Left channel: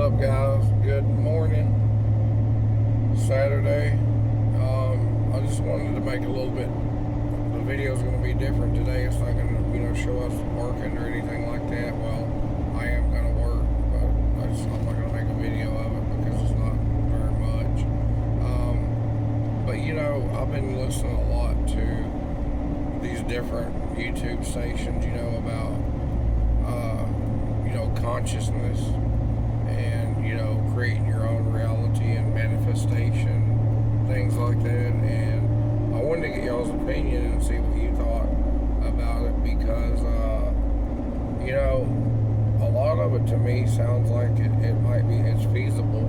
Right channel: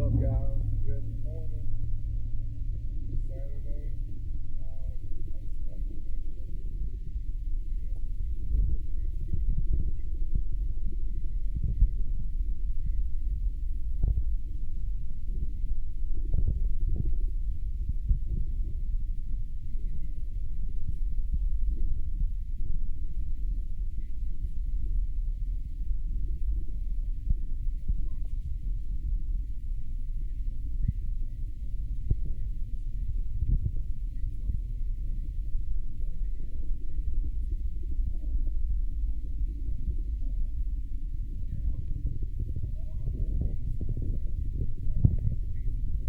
What's up, guys? Good morning. Saturday. I just wanted to make a little bit. The video is going to be different today. It's not going to, show us working or anything like that. Well, I am going to work, but I'm not going to make a video of it because it's not very much. But I've been listening a lot to these different YouTube stations. About consciousness and creating your own reality and manifestation, things like that. And I wanted to get y'all's opinion and see what you thought about it because a lot of it to me sounds like it's feasible.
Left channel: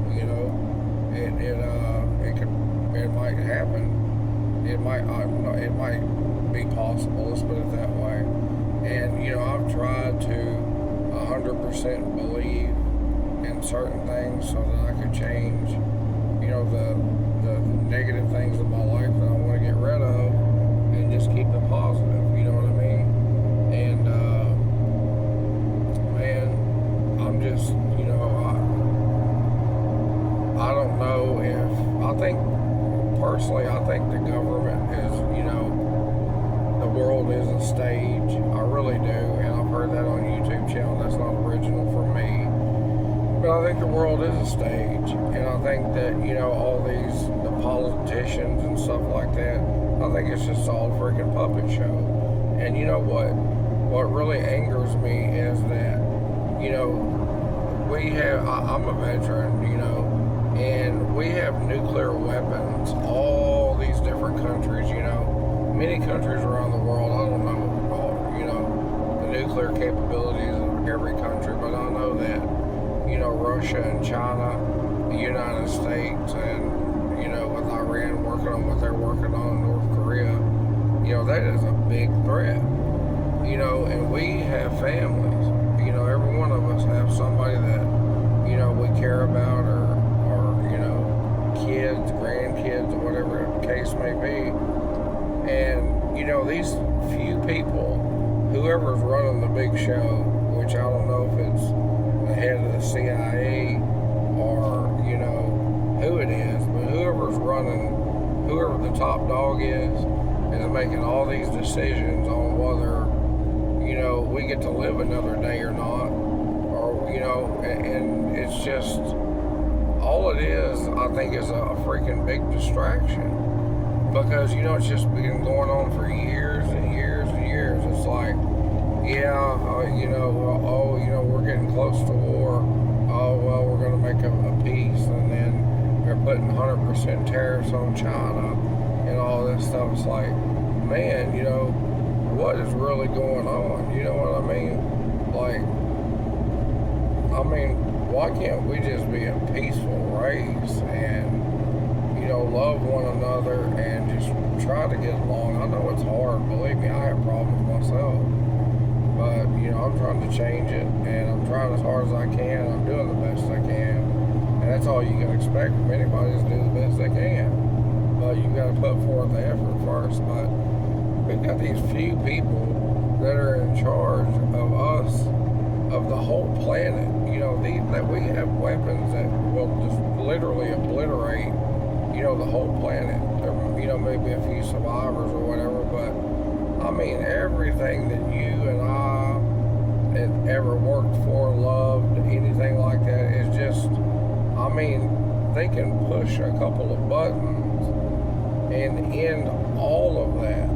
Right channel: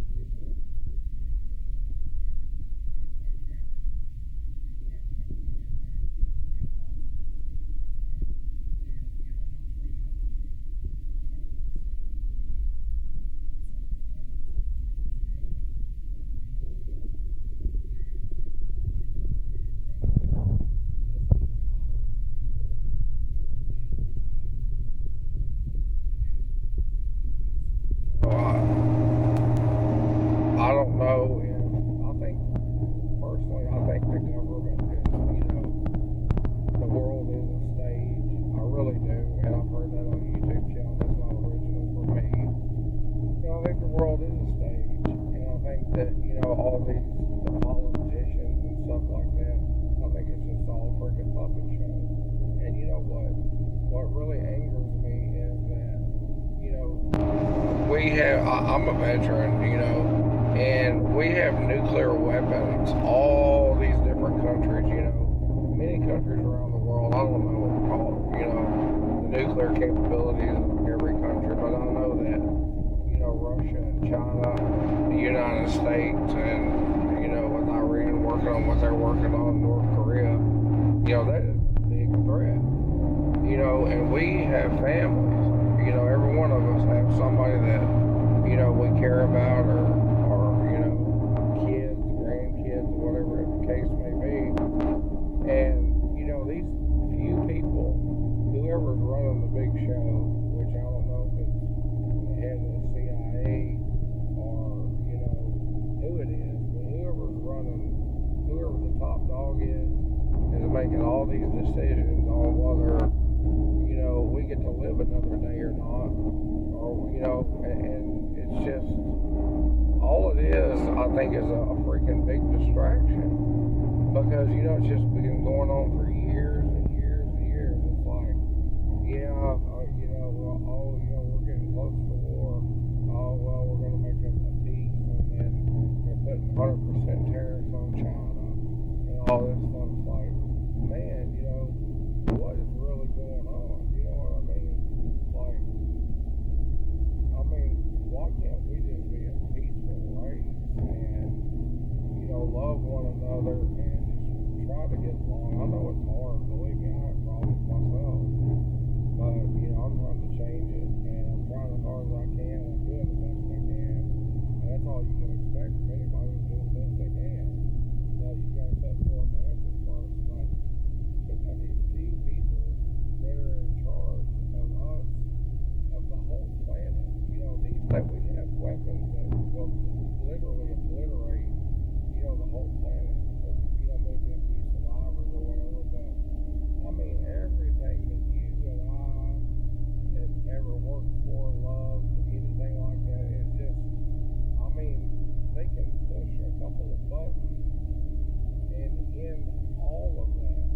It might happen. It might be possible. Let's put it that way. And I've tried to 100% believe in certain things so that I could change, the negative things in my life that I want to get rid of and just keep it positive, you know what I mean? And, man, I'm just, I don't know personally, I think the government is, the world is a stage. I really do, and I've heard that on YouTube channel. That's not original for me. But I think the world is a stage, and I think that, all the politicians and stuff like that, I think it's just all a freaking puppet show. And you know what? What really angers me is that, I'm a veteran, and we have nuclear weapons, all these different countries, many countries around the world. I don't know all, the nuclear capabilities of every country, but I know that, Russia and China, the United States, and, with Iran working on what they're working on, North Korea, that is a big threat, and we have families, every one of us have somebody that, we care about or kids, grandkids, or whatever the case may be. And, these few people, whoever's running the big show, which I don't know if it's the head of the CIA or, who it is, but whoever's running, whoever the top dog is making all these decisions on whether, we get to live another day or not, or, and it's just, all it is, I think, is a freaking big distraction. Because, it's just been going on for years and years and years. It's like, we're getting close to war. Oh, well, we're going to make a peace. And then they're putting 100% tariffs on China and all this stuff. It's like, man, what is really going on? You know what I mean? Why can't we just be a peaceful race and, love one another and just try to get along? I know it's hard. Believe me, I have problems myself. But, I'm trying to change it, and I'm trying as hard as I can. I'm doing the best I can. And that's all you can expect from anybody, is to do the best they can. But you got to put forth the effort first. But we've got these few people that are in charge of us, of the whole planet. That we have weapons that will just literally obliterate, the whole planet. Maybe a few survivors or whatever, but everything that you and I had ever worked for, loved, anything like that is just, they can push a couple of buttons and end all of that.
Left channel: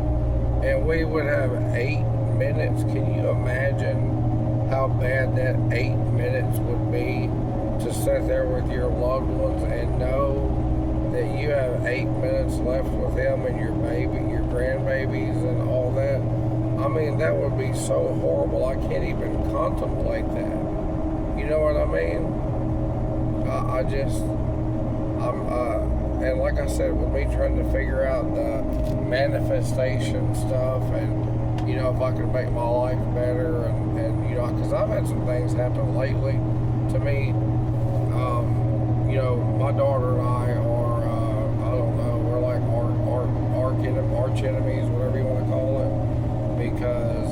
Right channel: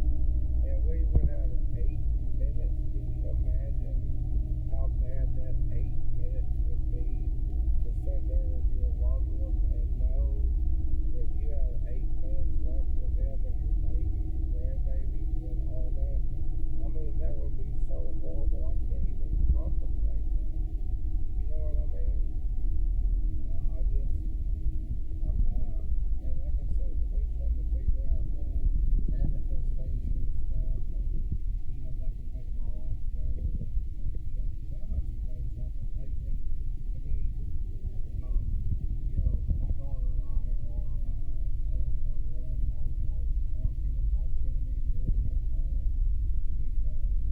And we would have 8 minutes. Can you imagine how bad that 8 minutes would be to sit there with your loved ones and know that you have 8 minutes left with them and your baby, your grandbabies and all that? That would be so horrible. I can't even contemplate that. You know what I mean? And like I said, with me trying to figure out the manifestation stuff and, if I could make my life better and because I've had some things happen lately to me. My daughter and I are, I don't know, we're like arch enemies, whatever you want to call it, because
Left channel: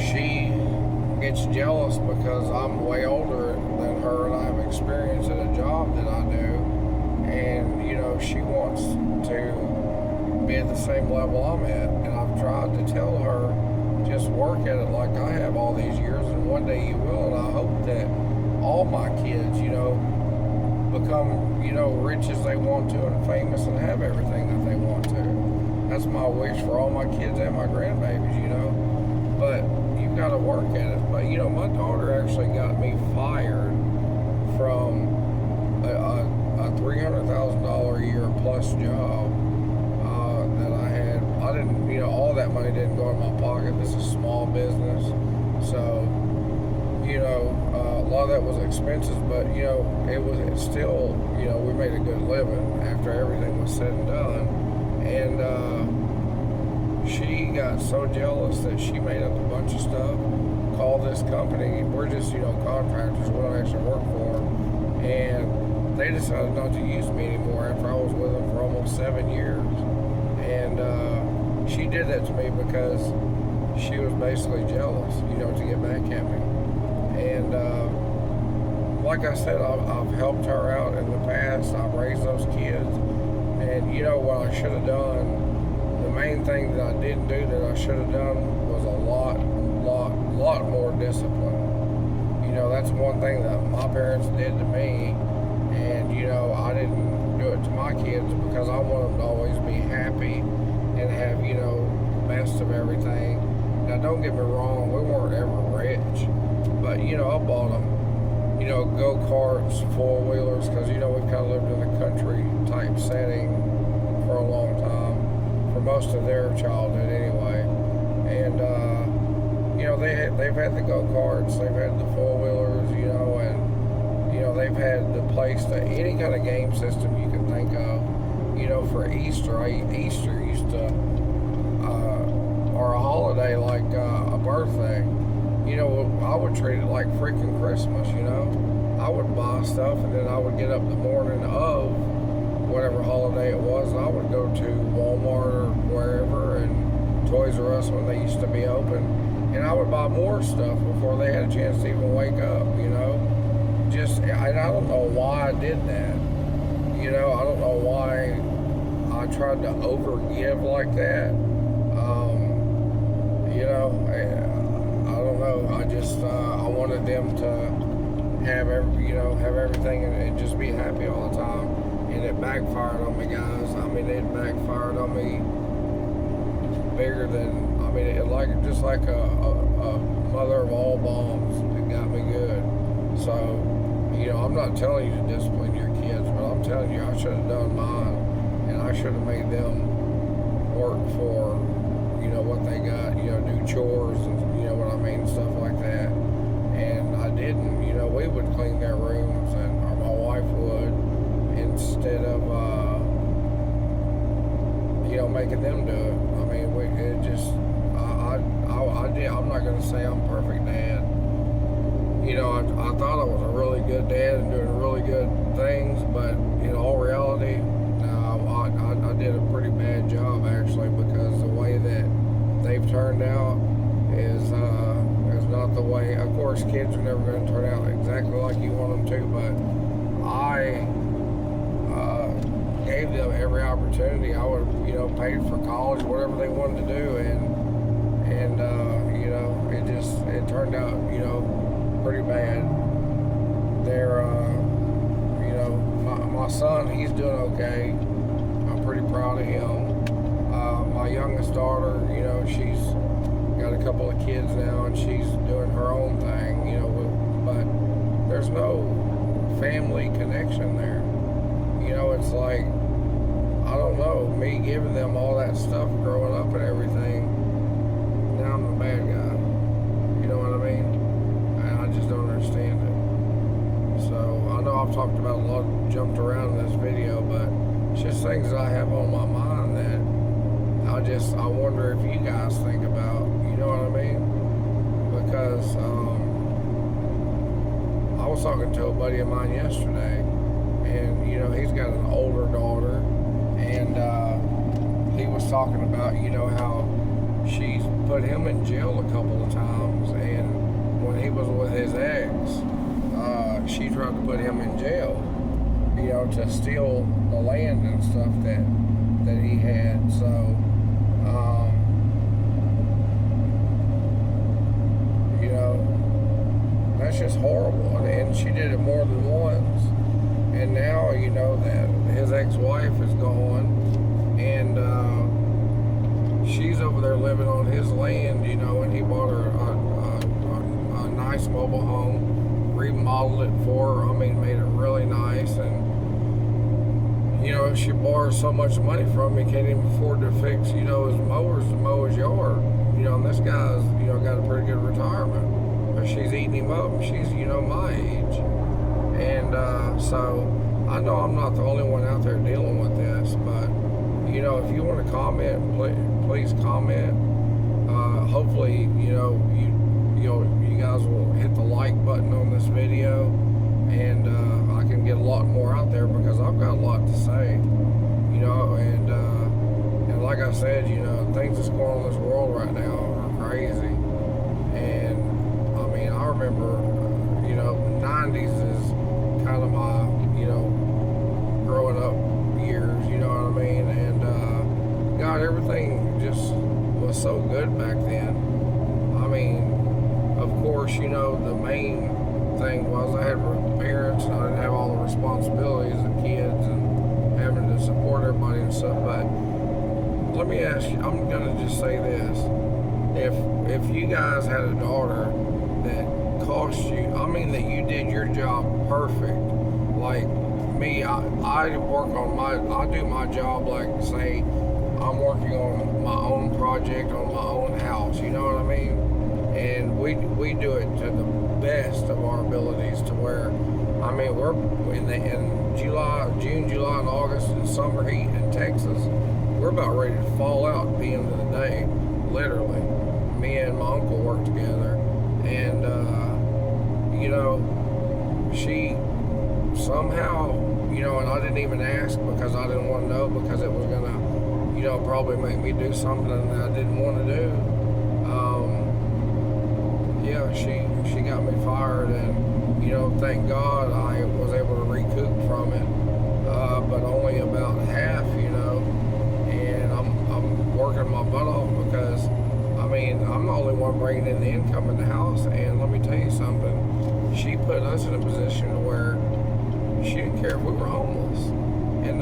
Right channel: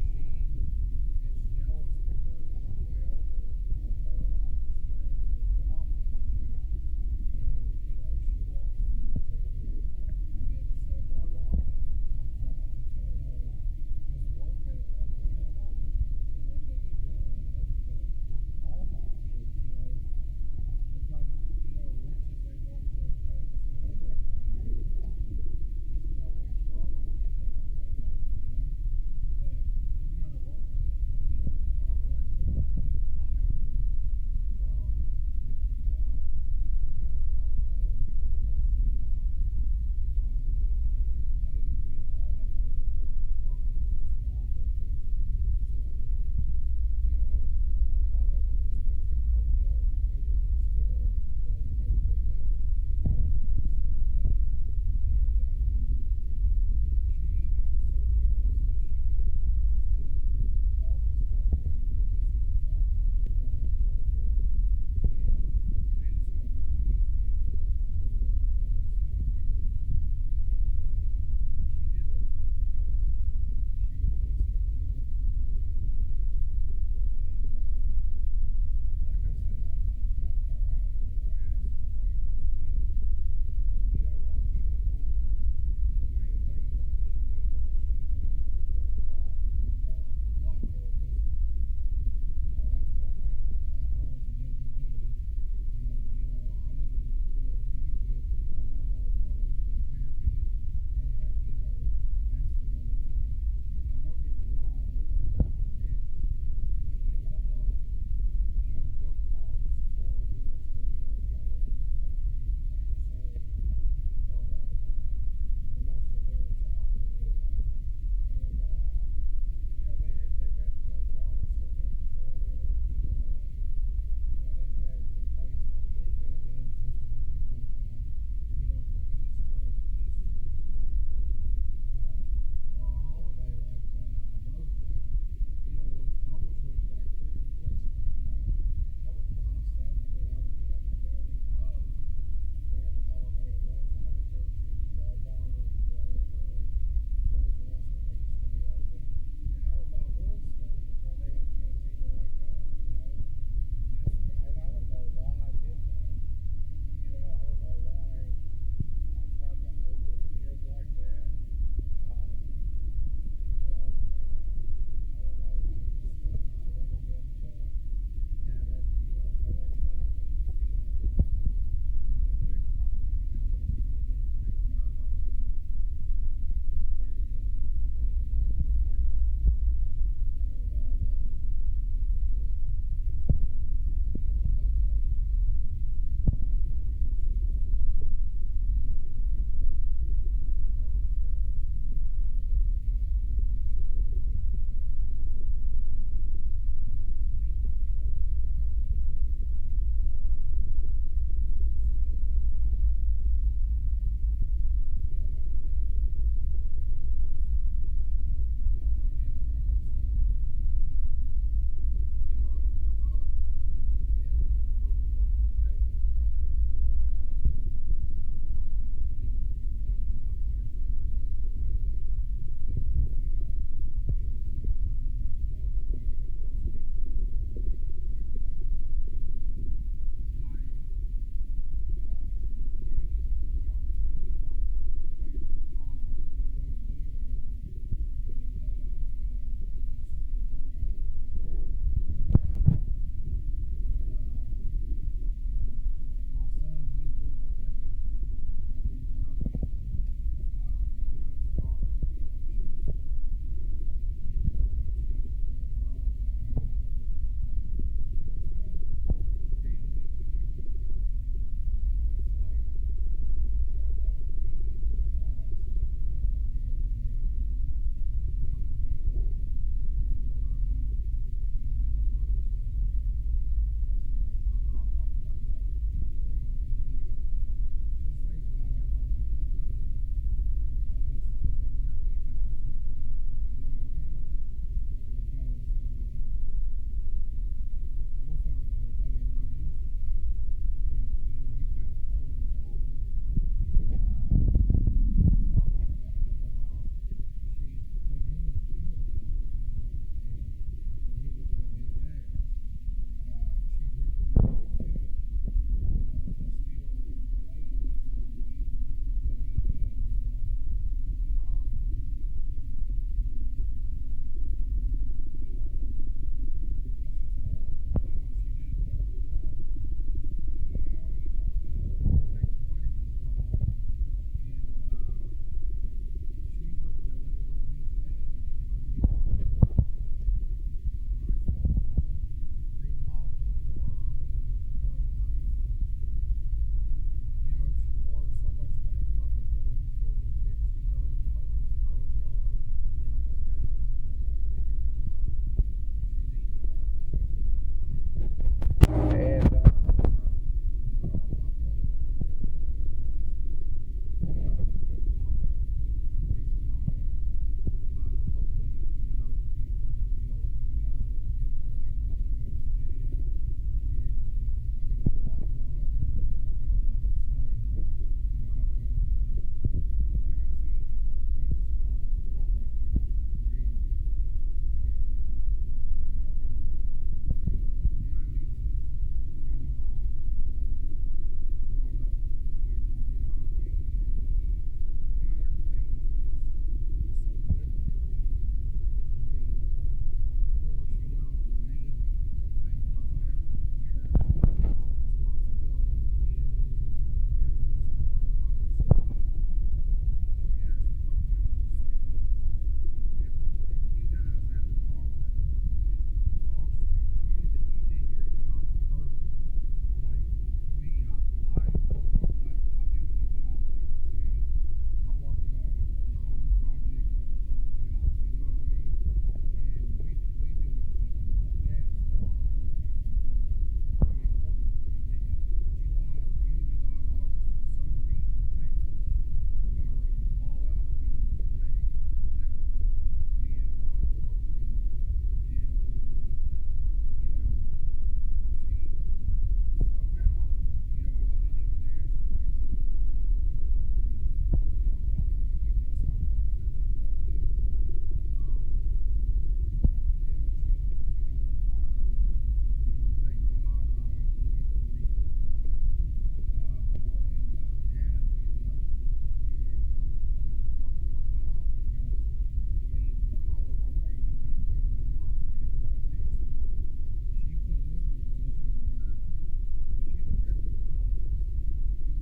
she gets jealous because I'm way older than her. her and I have experience at a job that I do, and she wants to be at the same level I'm at, and I've tried to tell her, just work at it like I have all these years, and one day you will, and I hope that all my kids, become, rich as they want to and famous and have everything that they want to. That's my wish for all my kids and my grandbabies, But you've got to work at it. But, my daughter actually got me fired from a $300,000 a year plus job that I had. I didn't, all that money didn't go in my pocket. This is small business. So, a lot of that was expenses, but, it's still, we made a good living after everything was said and done. And she got so jealous that she made up a bunch of stuff, called this company. We're just, contractors. We don't actually work for them. And they decided not to use me anymore after I was with them for almost 7 years. And she did that to me because she was basically jealous, to get back at me. And like I said, I've helped her out in the past. I've raised those kids. And what I should have done, the main thing that I didn't do that I should have done was a lot more discipline. That's one thing that my parents did to me, and I didn't do it to my kids because I want them to always be happy and have best of everything. Now don't get me wrong, we weren't ever rich, but I bought them go-karts, four-wheelers, because we've kind of lived in a country type setting for a long time, for most of their childhood anyway. And they've had the go-karts, they've had the four-wheelers, and they've had the place that any kind of game system you can think of. For Easter, Easter used to or a holiday like a birthday, I would treat it like freaking Christmas, I would buy stuff, and then I would get up the morning of whatever holiday it was, and I would go to Walmart or wherever, and Toys R Us when they used to be open, and I would buy more stuff before they had a chance to even wake up, and I don't know why I did that, I don't know why I tried to overgive like that, I don't know, I just, I wanted them to have everything and just be happy all the time, and it backfired on me, guys. I mean, it backfired on me bigger than, just like a mother of all bombs. It got me good. So, I'm not telling you to discipline your kids, but I'm telling you, I should have done mine, and I should have made them work for, what they got, do chores and, what I mean, stuff like that. And I didn't, we would clean their rooms, or my wife would, instead of, making them do it. I mean, I did. I'm not going to say I'm a perfect dad. I thought I was a really good dad and doing really good things, but in all reality, no, I did a pretty bad job, actually, because the way that they've turned out is not the way. Of course, kids are never going to turn out exactly like you want them to, but I gave them every opportunity. I would have, paid for college, whatever they wanted to do, and it turned out, pretty bad. They're, my son, he's doing okay. I'm pretty proud of him. My youngest daughter, she's got a couple of kids now, and she's doing her own thing, but there's no family connection there. It's like, I don't know, me giving them all that stuff growing up and everything, now I'm the bad guy. You know what I mean? And I just don't understand it. So, I know I've talked about a lot, jumped around in this video, but it's just things that I have on my mind that I wonder if you guys think about, you know what I mean? Because I was talking to a buddy of mine yesterday, and he's got an older daughter, and he was talking about how she's put him in jail a couple of times, and when he was with his ex, she she tried to put him in jail, to steal the land and stuff that he had. So, that's just horrible. And she did it more than once. And now, that his ex-wife is gone, and she's over there living on his land, and he bought her a nice mobile home, remodeled it for her. I mean, made it really nice. And she borrows so much money from him, he can't even afford to fix, his mowers to mow his yard. And this guy's, got a pretty good retirement. But she's eating him up, and she's, my age. And so I know I'm not the only one out there dealing with this, but, if you want to comment, please comment. Hopefully, you guys will hit the like button on this video, and I can get a lot more out there because I've got a lot to say, and like I said, things that's going on in this world right now are crazy. And I mean, I remember, the 90s is kind of my, growing up years, you know what I mean? And God, everything just was so good back then. I mean, of course, the main thing was I had parents and I didn't have all the responsibilities of kids and having to support everybody and stuff. But let me ask you, I'm gonna just say this: if you guys had a daughter that cost you, that you did your job perfect, like me, I do my job like, say, I'm working on my own project on my own house, you know what I mean? And we do it to the best of our abilities, to where, we're in June, July, and August, in summer heat in Texas, we're about ready to fall out at the end of the day, literally. Me and my uncle work together, and she somehow, and I didn't even ask because I didn't want to know, because it was gonna, probably make me do something that I didn't want to do. She got me fired, and thank God I was able to recoup from it, but only about half, and I'm working my butt off because I'm the only one bringing in the income in the house. And let me tell you something, she put us in a position where she didn't care if we were homeless. And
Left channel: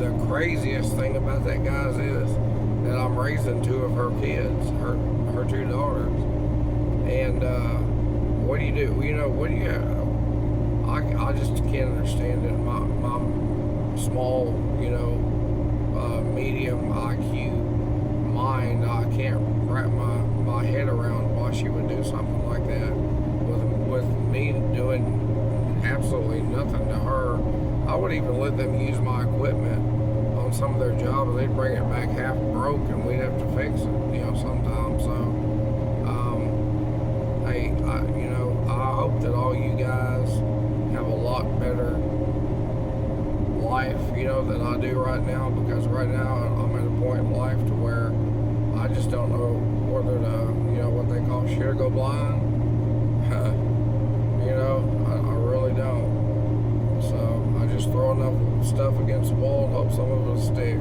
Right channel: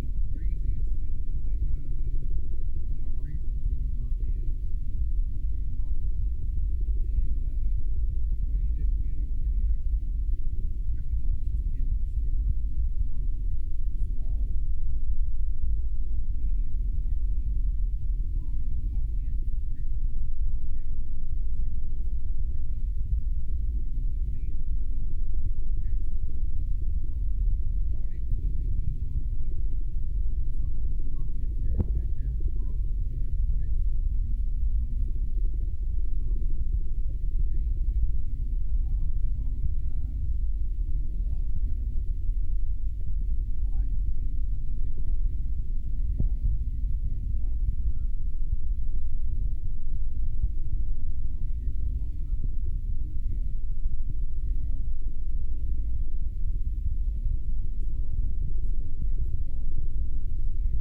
the craziest thing about that, guys, is that I'm raising two of her kids, her two daughters. And what do you do? What do you have? I just can't understand it. My small, medium IQ mind, I can't wrap my head around why she would do something like that with me doing absolutely nothing to her. I would even let them use my equipment on some of their jobs. They'd bring it back half broke, and we'd have to fix it, sometimes. So, hey, I hope that all you guys have a lot better life, than I do right now, because right now I'm at a point in life to where I just don't know whether to, what they call shit or go blind. I really don't. So I just throw enough stuff against the wall and hope some of it'll stick.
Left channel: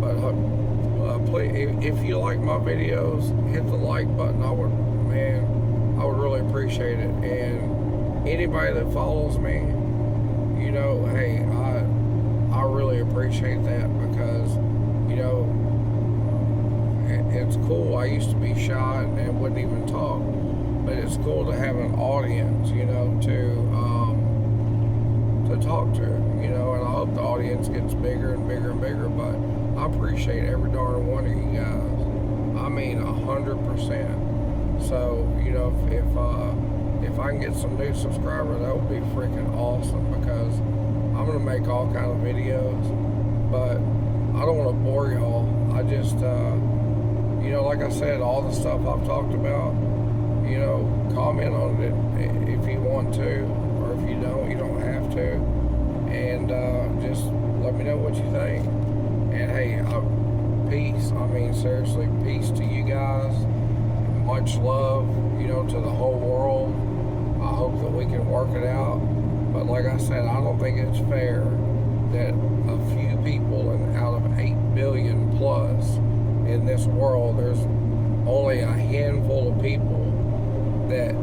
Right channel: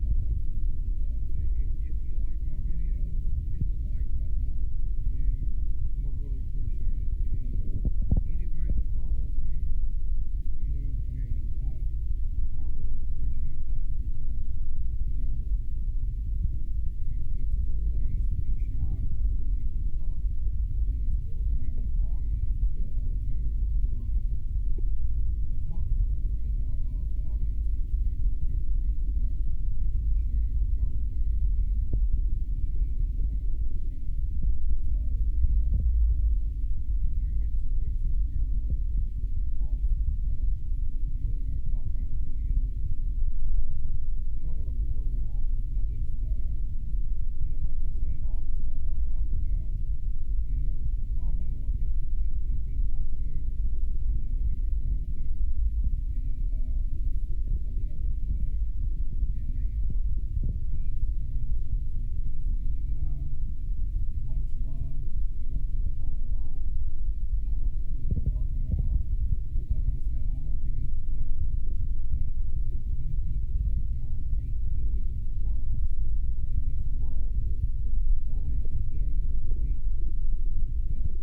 But please, if you like my videos, hit the like button. I would really appreciate it. And anybody that follows me, hey, I really appreciate that, because it's cool. I used to be shy and wouldn't even talk, but it's cool to have an audience, to talk to, and I hope the audience gets bigger and bigger and bigger. But I appreciate every darn one of you guys. 100%. So, if I can get some new subscribers, that would be freaking awesome, because I'm gonna make all kind of videos, but I don't want to bore y'all. I just, like I said, all the stuff I've talked about, comment on it if you want to, or if you don't, you don't have to. And just let me know what you think. And hey, peace. Seriously, peace to you guys. Much love, to the whole world. hope that we can work it out. But like I said, I don't think it's fair that a few people, and out of 8 billion plus in this world, there's only a handful of people that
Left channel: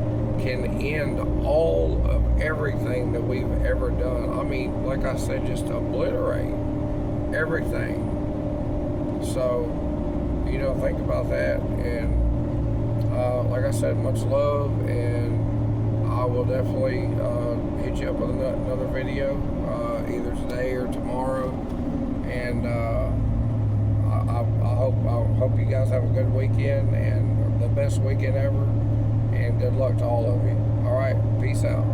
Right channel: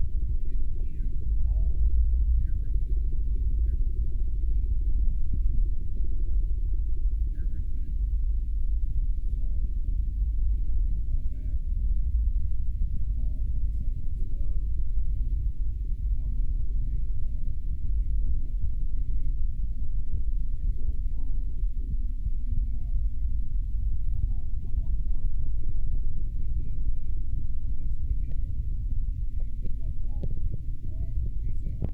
can end all of everything that we've ever done. I mean, like I said, just obliterate everything. So, think about that. And like I said, much love, and I will definitely hit you up with another video either today or tomorrow. And I hope you guys have a good weekend and the best weekend ever. And good luck to all of you. All right, peace out.